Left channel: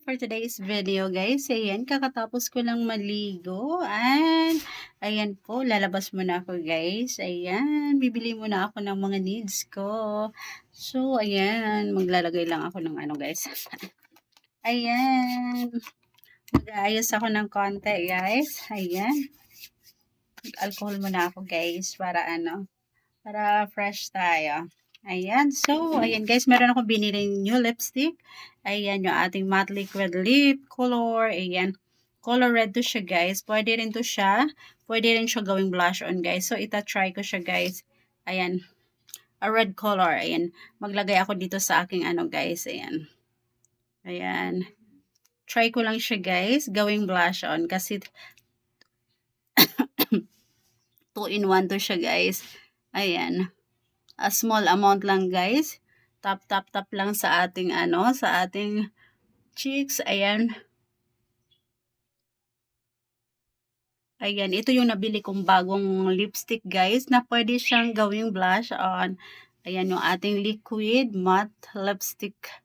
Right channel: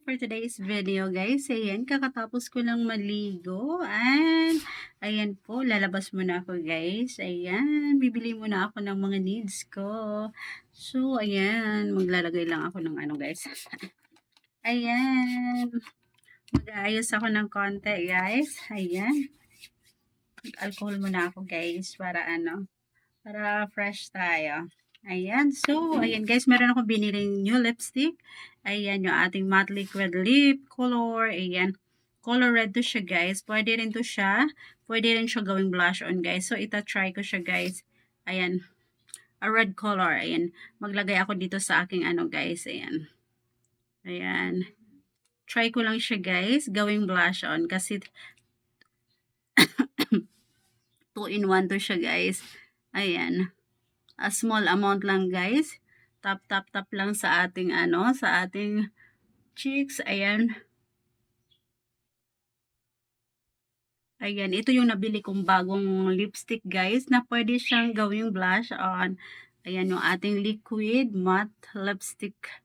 For today's video guys, ayan, kakatapos ko lang maligo, and ayan po, lalabas muna ako guys, ayan, bibili muna ako ng mga needs ko. So, ayan, maglalagay lang ako ng ano guys, ayan, mag-aayos ako ng konti guys, ayan, alcohol muna ako guys, para ano, para fresh tayo. Ayan. So, ayan guys, meron akong biniling new lipstick. Ayan, yung ating matte liquid lip color. Ayan. Color red to siya guys. Pwede rin to siya. Pwede rin siya gawing blush on guys. So, ita-try ko siya guys. Ayan. A red color. Ayan. Maglagay ako dito sa aking ano guys. Ayan. Ayan. Try ko lang siya guys. Gawing blush on. Kasi 2 in 1 to siya guys. Ayan. A small amount lang guys. Tap tap tap lang sa ating ano, sa ating cheeks. Ayan. Ayan, ito yung nabili kong bagong lipstick guys na pwede siyang gawing blush on. Ayan yung ating liquid matte lipstick.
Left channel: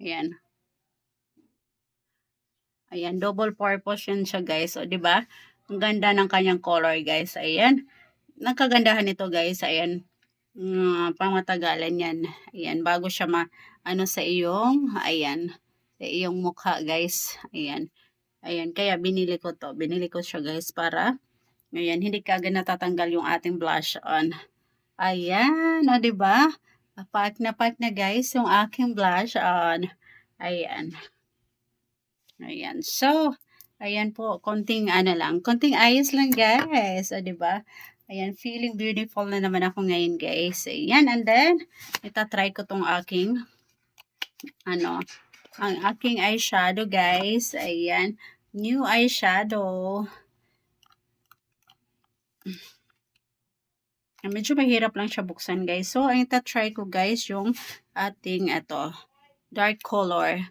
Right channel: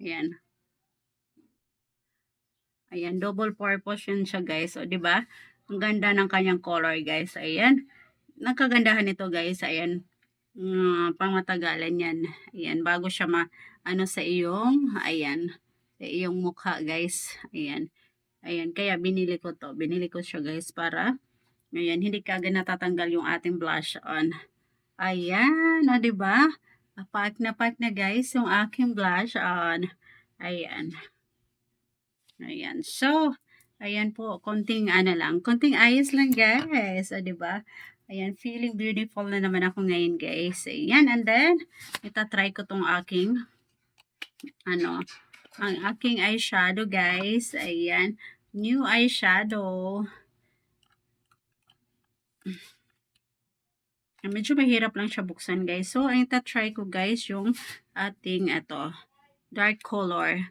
Ayan. Ayan, double purpose yun siya guys. O, 'di ba? Ang ganda ng kanyang color guys. Ayan. Nagkagandahan nito guys. Ayan. Pangmatagalan yan. Ayan, bago siya ano sa iyong, ayan, sa iyong mukha guys. Ayan. Ayan, kaya binili ko to. Binili ko siya guys para, ayan, hindi kagad natatanggal yung ating blush on. Ayan, o diba? Pack na guys yung aking blush on. Ayan. Ayan. So, ayan po, konting ano lang, konting ayos lang guys. O diba? Ayan, feeling beautiful na naman ako ngayon guys. Ayan, and then, itatry ko tong aking, ano, ang aking eyeshadow guys. Ayan, new eyeshadow. Medyo mahirap lang siya buksan guys. So, ang itatry ko guys yung ating ito, dark color.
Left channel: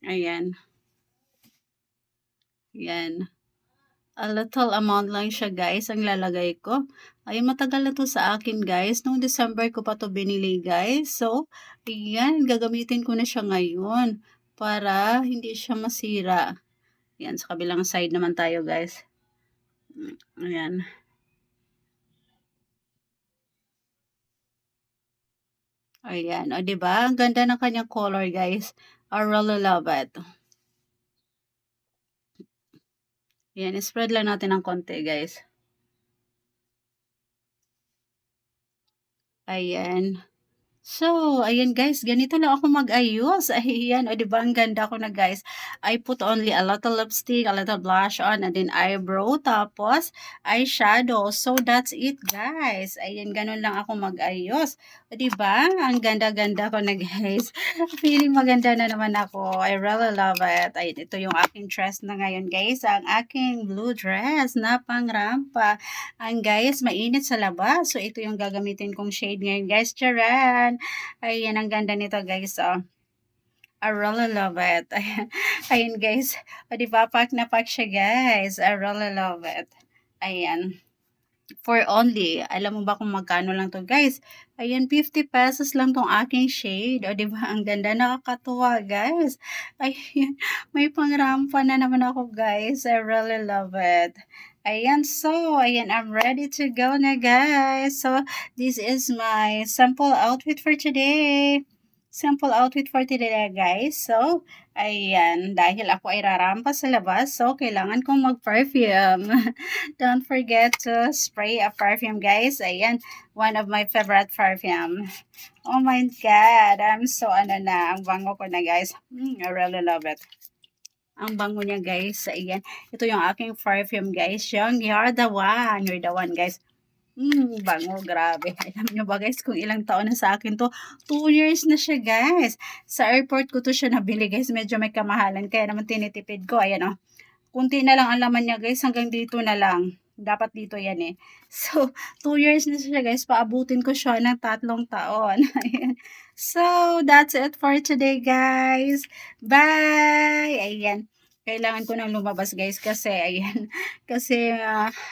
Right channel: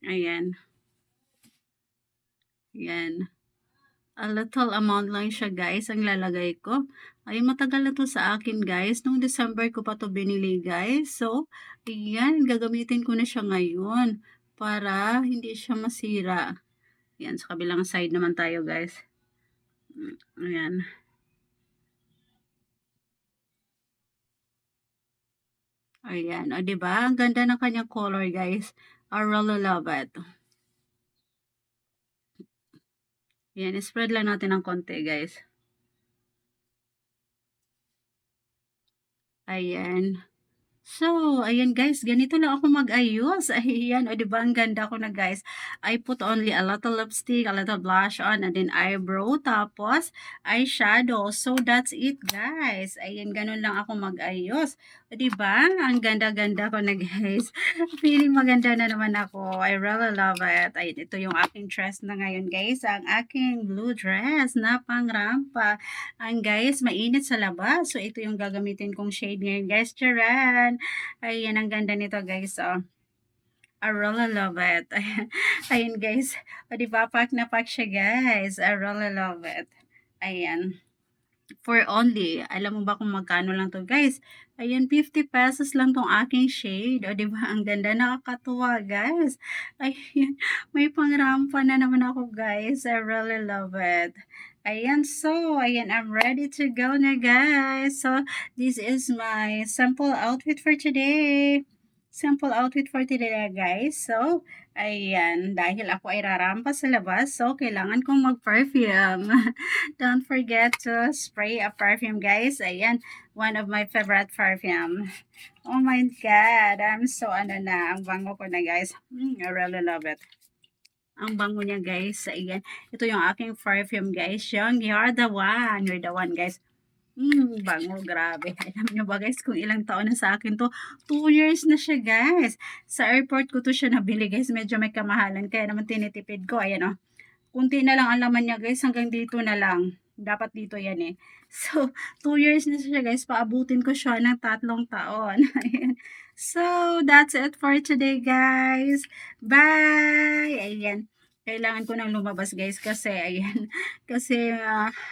Ayan. Ayan. A little amount lang siya guys ang lalagay ko. Ay, matagal na to sa akin guys. Noong December ko pa to binili guys. So, ayan, gagamitin ko na siya ngayon para hindi siya masira. Ayan, sa kabilang side naman tayo guys. Ayan. Ayan. O, diba? Ang ganda ng kanyang color guys. I really love it. Ayan, spread lang natin ng konti guys. Ayan. So, ayan guys, ganito lang ako mag-ayos. Ayan, o diba ang ganda ko na guys. I put only a little lipstick, a little blush on, and then eyebrow, tapos eyeshadow. So, that's it guys. Ayan, ganun lang ako mag-ayos. O diba? Ang ganda-ganda ko na guys. Feeling maganda na naman ako. I really love it. Ayan, ito yung aking dress na ngayon guys. Ang aking blue dress na pang rampa. Ang guys, mainit sa labas. So, ito yung gagamitin kong shade ngayon guys. Charan! Ayan, ang ganda nito guys. Oh. I really love it. Ayan guys. O, diba? Pack na pack siya guys. I really love it. Ayan. For only, alam mo ba kung magkano lang to guys? Ayan, 50 pesos lang tong aking shade. O, diba? Ang ganda, nakakatuwa guys. Ayan, may pangrampa na naman ako guys. I really love it. Ayan, so, ayan, I'm ready to go na guys. So, this is my sample outfit for today. Sample outfit for today guys. So, ayan, dahil ako ay rarampa sa labas, so, kailangan kong mag-perfume. Don't forget to spray a perfume, guys. Ayan, one of my favorite perfume. Oh my God, I'm so ano na, ang bango ko na, guys. I really love it. Ang bango niya, guys. Ayan, ito yung aking perfume, guys. Yung You're the One. You're the One, guys. Bango, grabe. Alam nyo ba guys, kung ilang taon na sa akin to, 2 years na siya guys. Sa airport ko to siya nabili guys, medyo may kamahalan, kaya naman tinitipid ko, ayan o. Kunti na lang ang laman niya guys, hanggang dito na lang. Dapat dito yan eh. So, 2 years na siya guys, paabutin ko siya ng 3 taon. Ayan. So, that's it for today guys. Bye! Ayan. kailangan ko ng lumabas guys kasi ayan, kasi,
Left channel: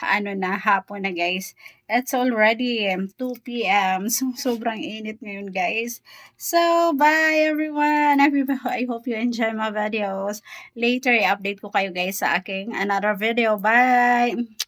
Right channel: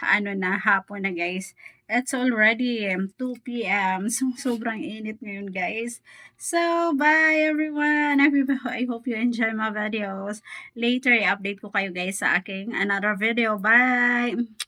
ano na, hapon na guys. It's already 2 PM. So, sobrang init ngayon guys. So, bye everyone! I hope you enjoy my videos. Later, i-update ko kayo guys sa aking another video. Bye!